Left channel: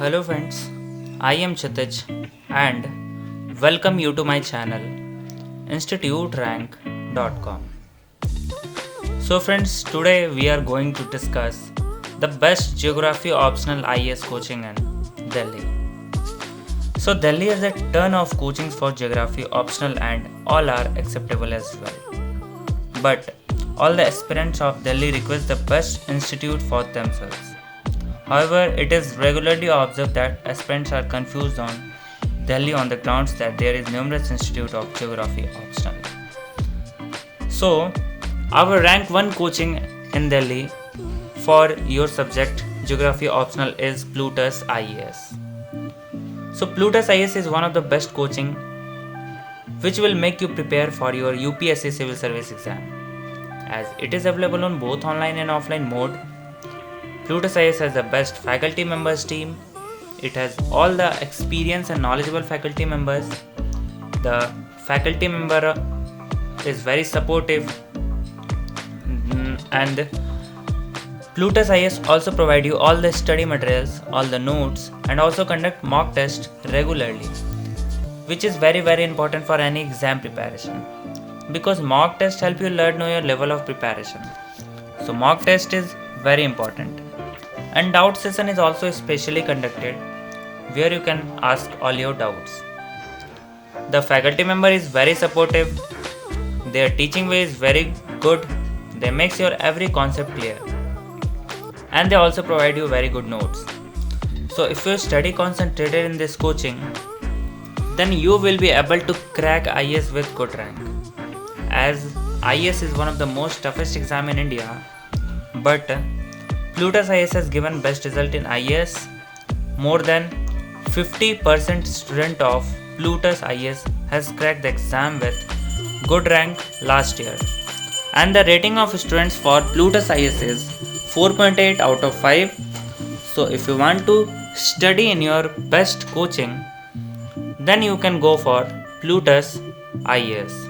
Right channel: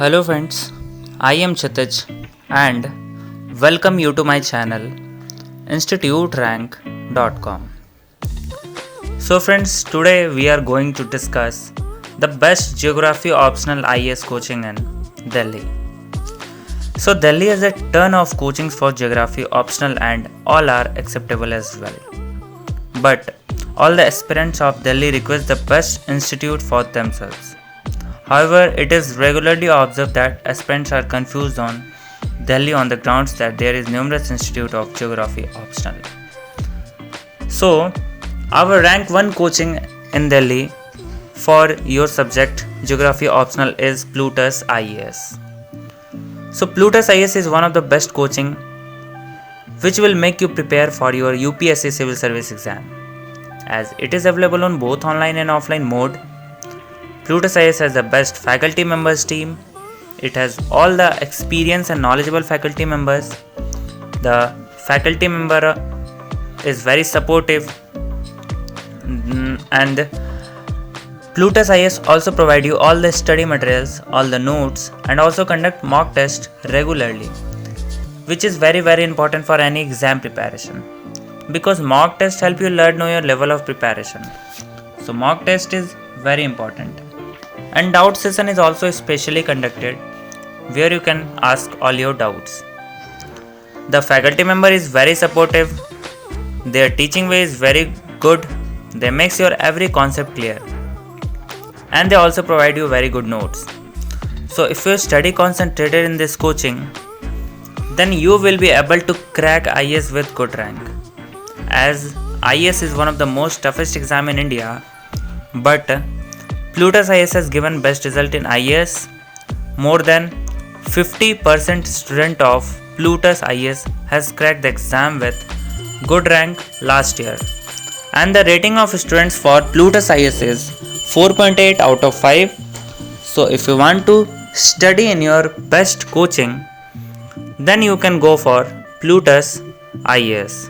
Hello friends, I am Chitij and welcome you to my channel instituterank.com. So friends, today we are going to discuss the best geography optional IAS coaching in Delhi. So Delhi has a ton of coachings for geography optional and all are acceptable as well. But all the aspirants of Delhi request the best institute for themselves. However, it is regularly observed that aspirants are confused on Delhi on the grounds that there is numerous institute of geography optional. So, our rank 1 coaching in Delhi for your subject geography optional is Plutus IAS. So, Plutus IAS is one of the best coaching which will make you prepare for your UPSC civil service exam. As it is available on both online and offline mode, Plutus IAS has the best faculty members team. It has all the experienced and knowledgeable faculty members. The faculty member is very supportive, and Plutus IAS also provide you all the study materials, all the notes, and also conduct mock test regularly, which is very important for any exam preparation, because mock test help you learn your level of preparation. So mock test is very important. And doubt session is also specially conducted where you can ask all your doubts. The faculty member is very supportive. Their teaching way is very good. They make your every concept clear. And they also provide you very good notes. So if you study concentrated in this coaching, then you will be able to crack IAS with good rank. As IAS is one of the most toughest exam in India, but Plutus IAS has given best result in IAS. More than 50% student of Plutus IAS has cracked the exam with good rank last year. And the rating of students for Plutus IAS is 4.8 out of 5. So if you want to study in your best coaching, then you can go for Plutus IAS.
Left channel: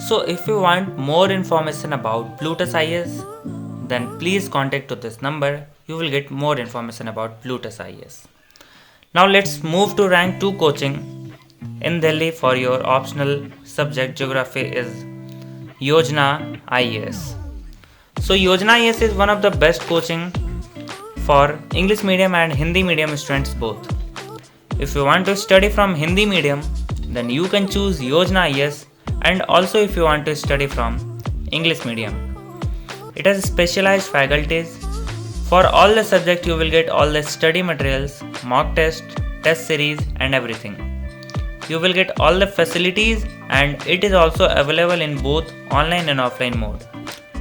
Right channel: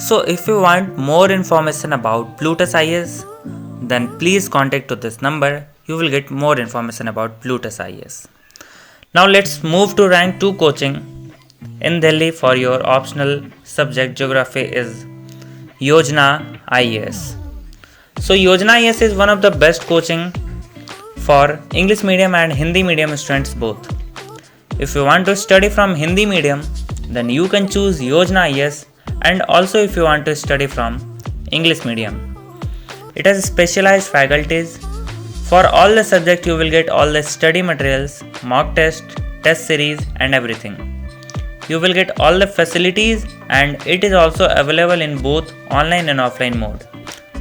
So if you want more information about Plutus IAS, then please contact to this number. You will get more information about Plutus IAS. Now let's move to rank 2 coaching in Delhi for your optional subject geography is Yojana IAS. So Yojana IAS is one of the best coaching for English medium and Hindi medium students both. If you want to study from Hindi medium, then you can choose Yojana IAS, and also if you want to study from English medium. It has specialized faculties. For all the subject you will get all the study materials, mock test, test series and everything. You will get all the facilities, and it is also available in both online and offline mode.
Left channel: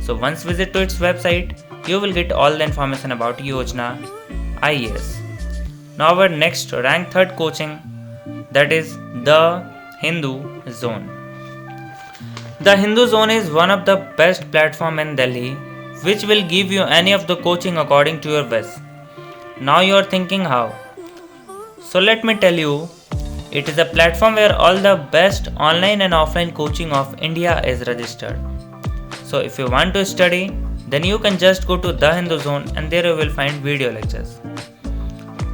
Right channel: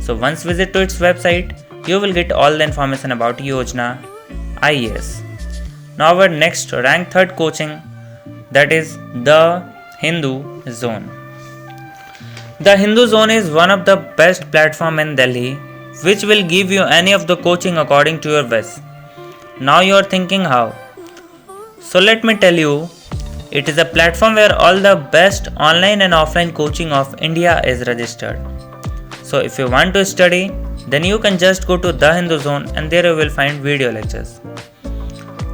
So once visit to its website, you will get all the information about Yojana IAS. Now our next rank 3rd coaching, that is the Hindu Zone. The Hindu Zone is one of the best platform in Delhi which will give you any of the coaching according to your wish. Now you are thinking how? So let me tell you, it is a platform where all the best online and offline coaching of India is registered. So if you want to study, then you can just go to the Hindu Zone and there you will find video lectures.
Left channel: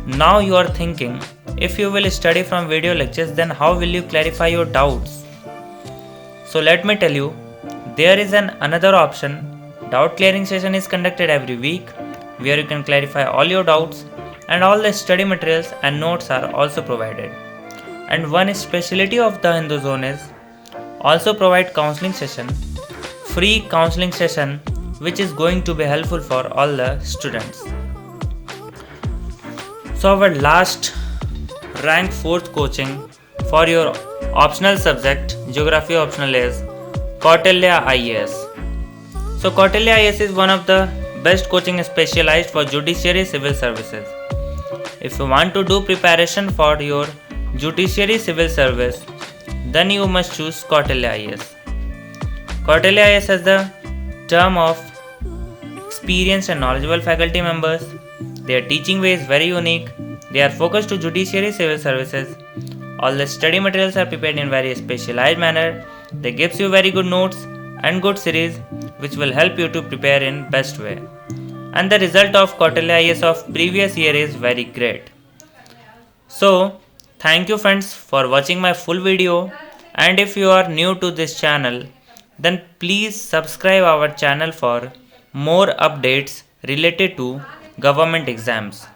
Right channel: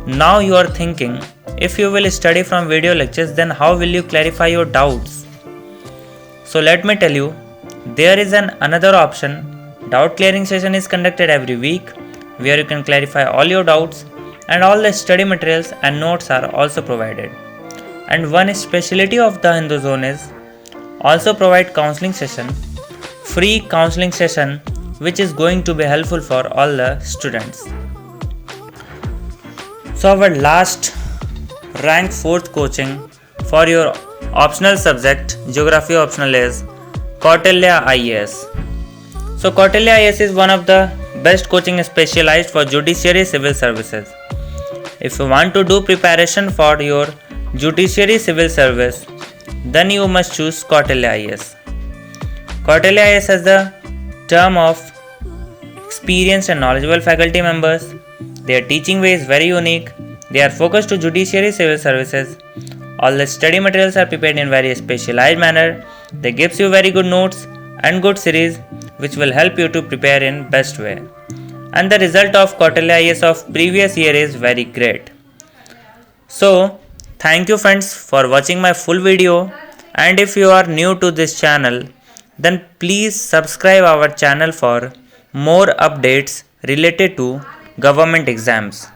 Now you are thinking, if you will study from video lectures, then how will you clarify your doubts? So let me tell you, there is another option. Doubt clearing session is conducted every week where you can clarify all your doubts, and all the study materials and notes are also provided. And one specialty of the Hindu Zone is also provide counseling session, free counseling session, which is going to be helpful for all the students. So our last rank 4th coaching for your optional subject geography optional is Kautilya IAS. So Kautilya IAS is one of the best coaching specialized for judiciary civil services. If you want to do preparation for your judiciary civil service, then you must choose Kautilya IAS. Kautilya IAS has the term of experienced and knowledgeable faculty members. Their teaching way is very unique. They are focused to judiciary civil services. All the study materials are prepared in very specialized manner. They gives you very good notes and good series which will help you to prepare in best way. and the result of quarterly IAS of previous year is very great. So thank you friends for watching my full video, and if you are new to this channel, then please subscribe our channel for more updates related to government exams.